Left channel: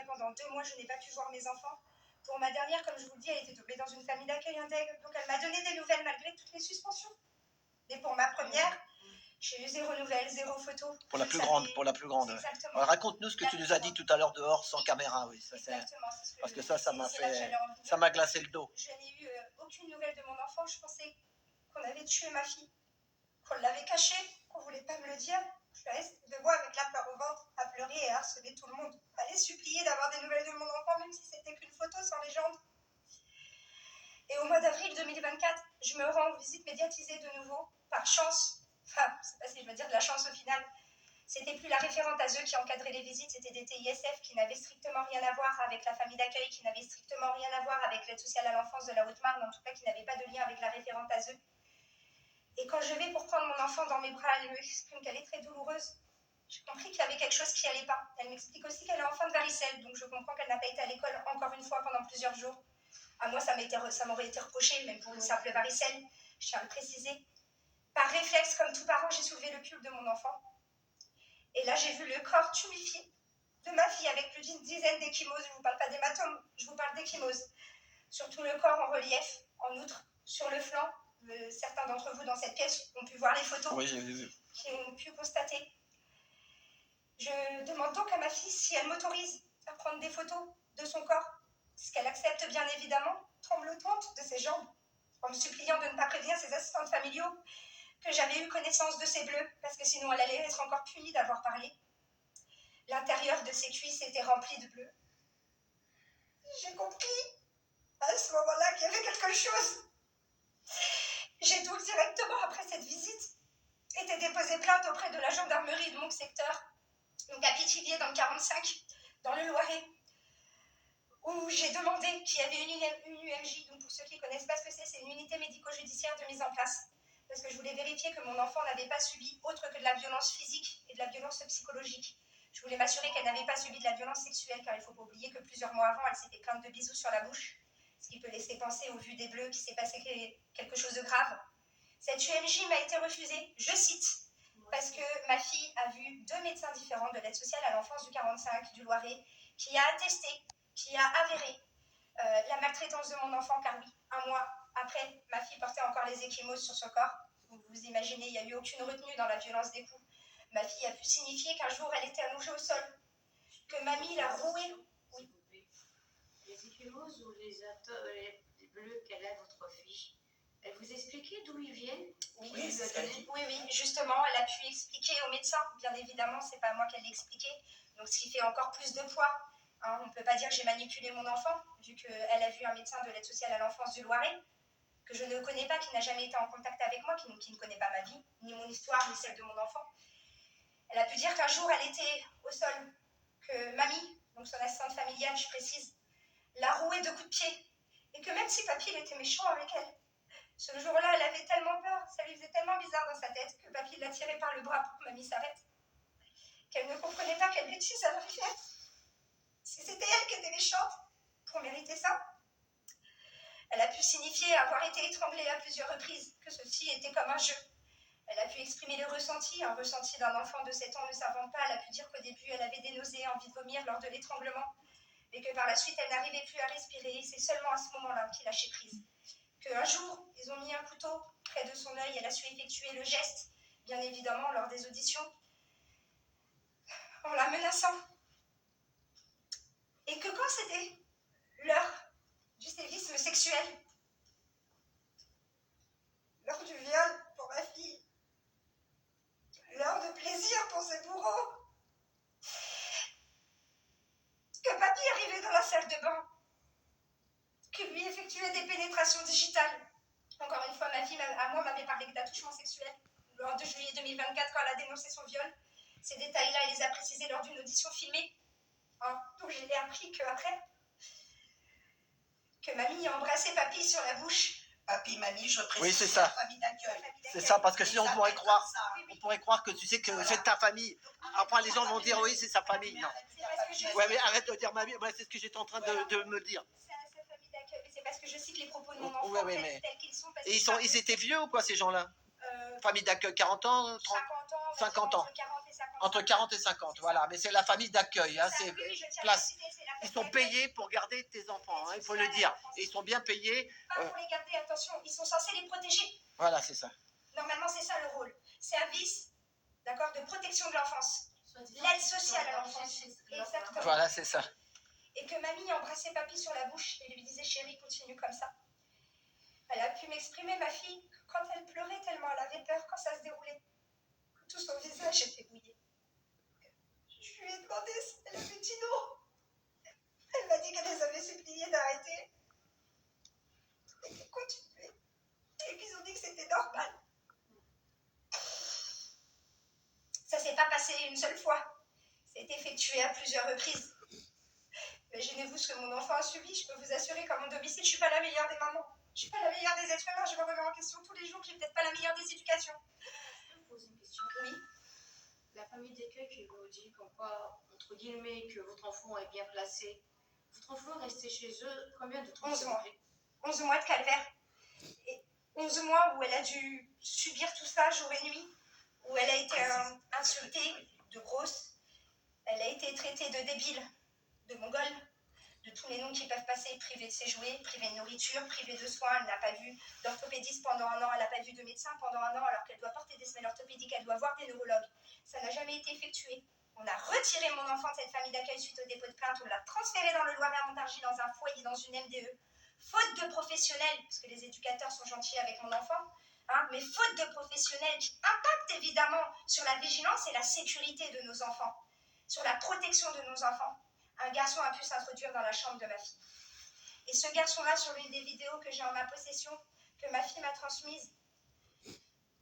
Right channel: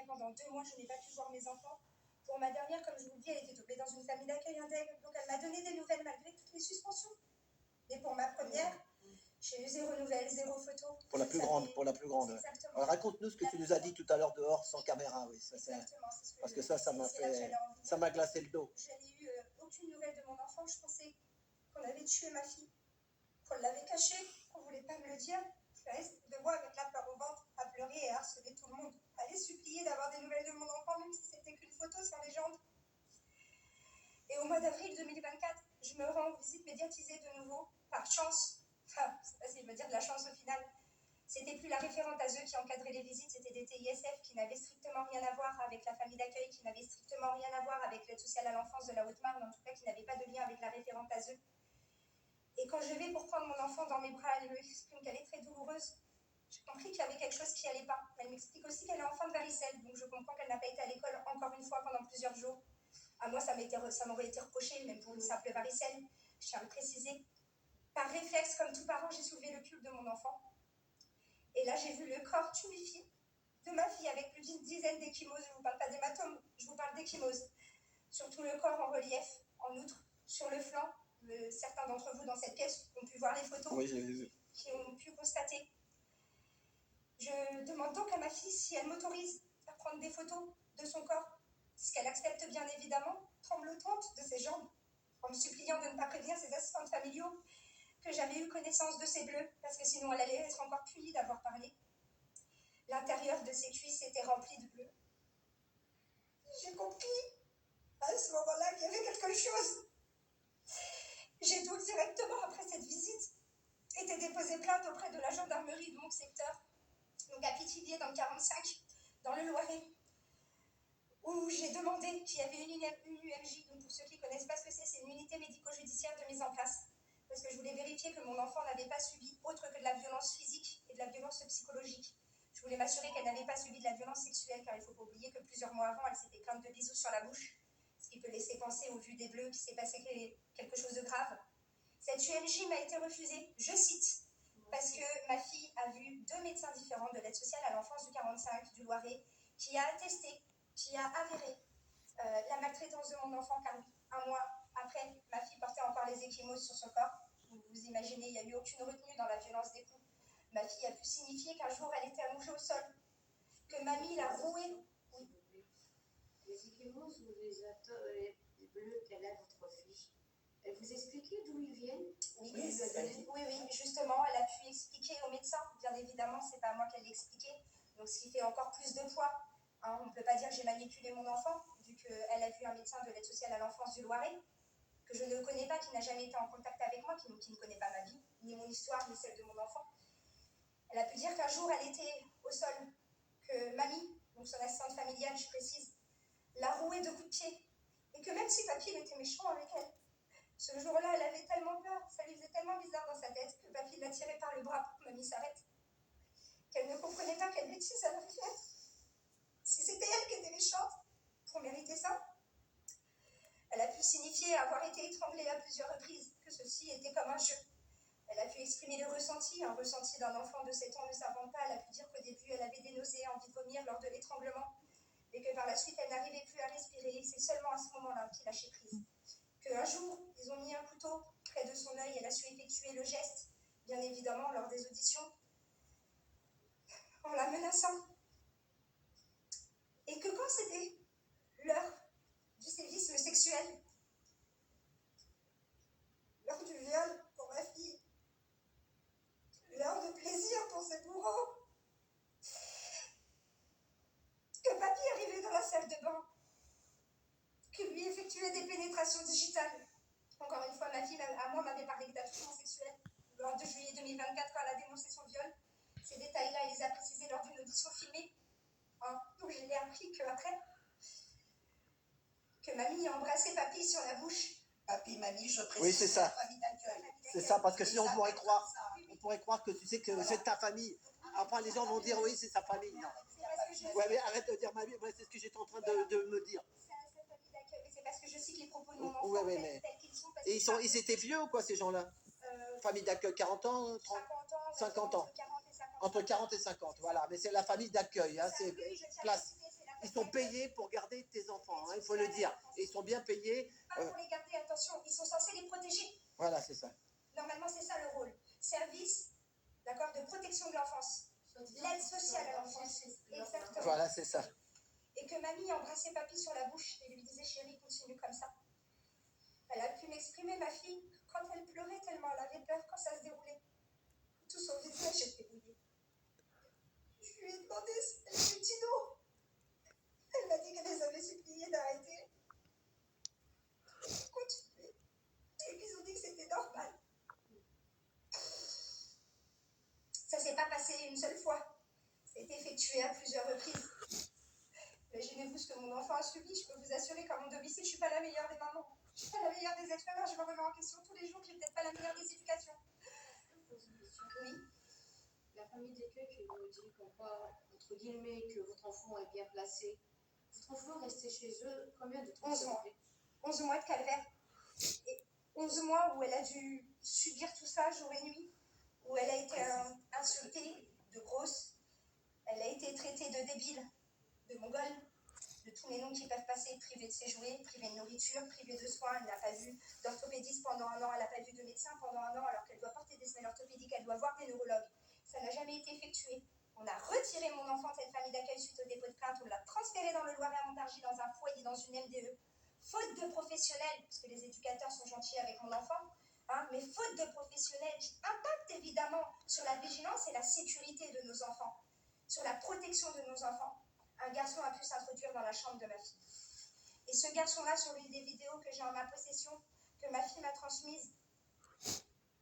Après, pendant 2 mois, je n'ai pas pu voir mes enfants. Pour ma dernière, comme je vous le dis, elle était tombée dans une famille d'accueil intègre, donc elle m'a donné des nouvelles malgré toutes les suspensions. Et pour ma première, j'ai eu 0 nouvelles, 0 photo. Pour la plus grande, pour la plus grande. Exactement. Raconte-nous ce que tu nous as dit tout à l'heure dehors, sans caméra, oui. Ça, exactement. Parce que ça m'a fait, ça m'a glacé le dos. Je n'ai eu aucune nouvelle de mon enfant. Je pensais qu'on avait tué ma fille, qu'on l'avait cachée, qu'on voulait pas me le dire. Je restais de moi avec la peur au ventre, à pleurer et à harceler tout le monde, à les supplier d'avoir des nouvelles de mon enfant, même si c'était qu'une photo sans légende. Et au mois d'avril 2024, je me rends en visite médiatisée de nouveau, par chance. Enfin, je ne sais pas si je veux dire de la chance au final. C'était plus la référente ASE qui encadrait les visites, c'était des TISF qui n'avaient strictement rien à voir avec la famille d'accueil, qui n'avaient strictement rien à voir avec l'aide sociale à l'enfance de la Haute-Marne, en tout cas qui n'avaient pas de lien avec la référente ASE. Et quand je vais pour prendre mon enfant dans mes bras, elle me exprime qu'elle est très douloureuse. J'ai compris qu'il y avait quelque chose qui n'allait pas. Elle m'explique aussi qu'elle est enfant de varicelle, donc je comprends qu'elle n'a pas été à l'école encore une fois pendant plusieurs jours. À moi, ça m'aurait été reproché, même pour une simple varicelle, je tiens à le préciser. Par réflexe, comme tout parent, j'ai soulevé le pull de mon enfant. Et là, j'ai vu le corps tuméfié de ma fille avec plus d'une dizaine d'échymoses. Je ne vous parle pas d'hématomes, je vous parle d'échymoses. Surtout le corps en relief. En outre, sur le flanc, certains d'entre vous dans cette pièce ont pu voir les photos qui ont pu constater. Je demande donc à ma fille si elle m'autorise à prendre des photos de son corps, ce qu'elle accepte bien évidemment, tremblotante de ses jambes, en me suppliant de ne pas prévenir ses assistantes familiaux que j'avais eu connaissance de ses bleus, parce que sinon elle allait être encore punie d'avoir parlé. L'intérieur de ses cuisses était rempli de bleus. J'ai compris à ce moment-là qu'il y avait quelque chose. J'ai donc directement après cette visite été déposé plainte auprès de la gendarmerie de mon secteur, donc à Pithiviers dans le 45, dans le Loiret, où j'ai demandé qu'il y avait une UMJ, donc pour ceux qui ne connaissent pas ce que c'est une unité médico-judiciaire de mise en place, parce que je voulais vérifier que mon enfant n'avait pas subi autre que de la violence physique et de la violence psychologique. Je voulais m'assurer qu'elle n'avait pas subi de la violence sexuelle, car il ne faut pas oublier que plusieurs mois avant, elle s'était plainte de bisous sur la bouche, ce qui peut laisser penser, au vu des bleus, qu'il s'est passé quelque chose de grave. Cette UMJ m'a été refusée, je cite, parce que ma fille a vu 2 médecins différents de l'aide sociale à l'enfance du 45, du Loiret, qui a attesté, qui a avéré la maltraitance de mon enfant, car oui, 1 mois après, ma fille portait encore les échymoses sur son corps. Vous imaginez, il n'y a eu aucune retenue dans la violence des coups. Ma fille a pu signifier qu'un jour, elle était allongée au sol, que mamie l'a rouée. Oui. Les échymoses ou les bleus qu'elle a, votre fille, elle vous expliquait d'où ils viennent? Oui, justement, elle a pu expliquer au médecin, bien évidemment, c'est pas moi qui l'ai expliqué, donc ce qui fait encore plus de poids. Hein, on ne peut pas dire que j'ai manipulé mon enfant, vu qu'elle a vu un médecin de l'aide sociale à l'enfance du Loiret, que je ne connais pas, qui n'a jamais été en contact avec moi, qui ne connaît pas ma vie, ni mon histoire, ni celle de mon enfant. Elle a pu dire qu'un jour, elle était au sol, que mamie, donc son assistante familiale, je précise, l'a rouée de coups de pied, et que même si papy était méchant avec elle, ce jour-là, elle avait tellement peur, ça lui faisait tellement bizarre dans sa tête, que papy l'a tirée par le bras pour que mamie s'arrête, qu'elle ne comprenait pas quelle bêtise elle avait fait. Si c'était elle qui était méchante, pour mériter ça. Elle a pu signifier avoir été étranglée à plusieurs reprises, que ceci était comme un jeu. Elle a pu exprimer le ressenti, un ressenti d'un enfant de 7 ans ne s'invente pas. Elle a pu dire qu'au début, elle avait des nausées, envie de vomir lors de l'étranglement, mais que par la suite, elle n'arrivait plus à respirer, et c'est seulement à ce moment-là qu'il lâchait prise. Qu'un jour, ils ont mis un couteau près de son œil, elle a su effectuer le geste, bien évidemment, lors des auditions, en la menaçant. Et que quand c'était l'heure du sévice sexuel, l'heure du viol pour ma fille, l'heure de plaisir pour ses bourreaux, que papy arrivait dans la salle de bain, que lui effectuait des pénétrations digitales. Encore une fois, ma fille, à moi, m'avait parlé d'attouchement sexuel lors de juillet 2024 quand elle a dénoncé son viol. Ces détails-là, elle les a précisés lors d'une audition filmée. Hein, donc je l'ai appris qu'après, que mamie a embrassé papy sur la bouche. Papy, mamie, je précise, oui, c'est ça. Famille d'accueil. C'est ça, parce que sinon on pourrait croire que tu sais que c'est ta famille. Après les gens vont dire oui, c'est sa famille. Non. Ouais, mais arrête de dire ma vie. Ouais, c'est ce que j'étais en train de me dire. C'est sa famille d'accueil, mais c'est parce que je cite les propos de mon enfant tels qu'ils sont. Et ils étaient vieux ou quoi ces gens-là? Famille d'accueil, 40 ans, 30, 50 ans. Entre 40 et 50. Entre 40 et 50, voilà. Mais c'est la famille d'accueil, hein, c'est place. ils sont payés pour garder tes enfants, hein, il faut le dire. Et ils sont bien payés. Pas pour les garder, attention, ils sont censés les protéger. Voilà, c'est ça. Normalement, c'est ça le rôle. Service, d'accord, de protection de l'enfance. L'aide sociale à l'enfance. Exactement. Voilà, c'est ça. Et que mamie embrassait papy sur la bouche et lui disait chérie, continue comme ça. Elle a pu m'exprimer, ma fille, quand elle pleurait tellement elle avait peur quand ça se déroulait. Tout son visage était mouillé. Je lui ai demandé si elle avait dit non. Elle m'a dit qu'elle les avait suppliés d'arrêter. Et qu'ils continuaient. Et qu'ils ont dit que c'était normal. Ça s'est pas passé une seule fois. Ça a été effectué à plusieurs reprises. Imaginez-vous ce que mon enfant a subi. Je peux vous assurer qu'à mon domicile, je suis pas la meilleure des mamans. Je suis pas la meilleure des êtres humains. Je me remets en question tous les jours. J'ai peut-être pas la meilleure des éducations. Je peux poser une question. Oui. La famille d'accueil qui vous dit comme quoi, entre guillemets, que votre enfant est bien placé. Votre enfant est resté chez eux combien de temps? 11 mois. 11 mois de calvaire. Et 11 mois où elle a dû subir tout ça jour et nuit. Où elle a été insultée de grosse. Elle a été traitée de débile, de mongole, de tous les noms qui peuvent passer, privée de ses jouets, privée de nourriture, privée de soins. Elle n'a pas vu d'orthopédiste pendant un an, elle n'a pas vu de médecin pendant un an, alors qu'elle doit porter des semelles orthopédiques, elle doit voir des neurologues. Ça n'a jamais été effectué. On a retiré mon enfant de cette famille d'accueil suite au dépôt de plainte, on l'a transféré dans le Loiret à Montargis dans un foyer, dans une MDE. Faute de professionnels, parce que les éducateurs sont gentils avec mon enfant, hein, mais faute de professionnels qui impactent évidemment sur la vigilance et la sécurité de nos enfants, sur la protection de nos enfants. Un garçon a pu s'introduire dans la chambre de ma fille. Et ce garçon-là, sur l'une des vidéos que j'ai en ma possession, que ma fille m'a transmise,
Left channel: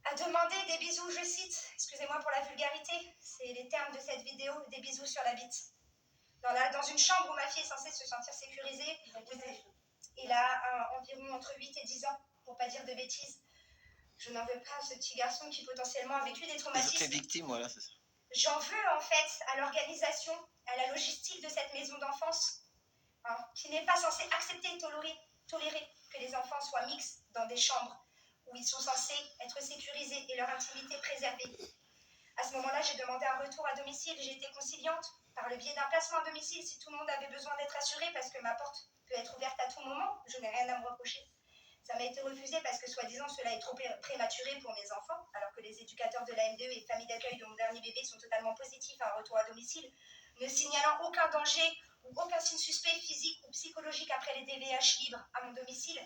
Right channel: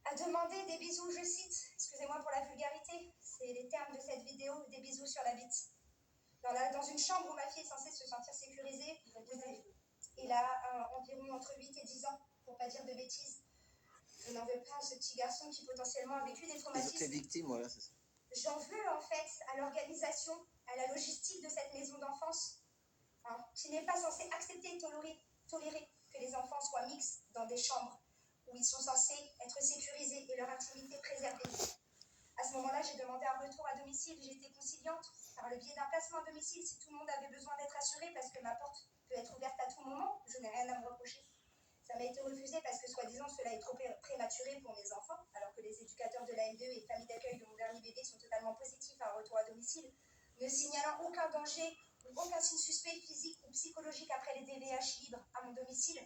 a demandé des bisous, je cite, excusez-moi pour la vulgarité, c'est les termes de cette vidéo, des bisous sur la bite. Dans une chambre où ma fille est censée se sentir sécurisée, il a environ entre 8 et 10 ans, pour pas dire de bêtises. Je n'en veux pas à ce petit garçon qui potentiellement a vécu des traumatismes. Ils étaient victimes, voilà, c'est ça. J'en veux en fait à l'organisation, à la logistique de cette maison d'enfance, hein, qui n'est pas censée accepter et tolérer que les enfants soient mixtes dans des chambres où ils sont censés être sécurisés et leur intimité préservée. À ce moment-là, j'ai demandé un retour à domicile, j'ai été conciliante par le biais d'un placement à domicile si tout le monde avait besoin d'être assuré parce que ma porte peut être ouverte à tout moment, je n'ai rien à me reprocher. Ça m'a été refusé parce que, soi-disant, cela est trop prématuré pour mes enfants, alors que les éducateurs de la MDE et famille d'accueil de mon dernier bébé sont totalement positifs à un retour à domicile, ne signalant aucun danger ou aucun signe suspect physique ou psychologique après les DVH libres à mon domicile.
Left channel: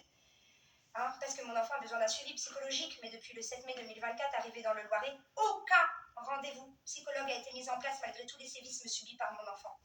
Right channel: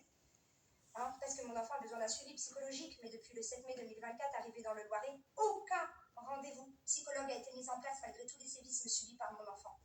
Hein, parce que mon enfant a besoin d'un suivi psychologique, mais depuis le 7 mai 2024, arrivé dans le Loiret, aucun rendez-vous psychologue a été mis en place malgré tous les sévices subis par mon enfant.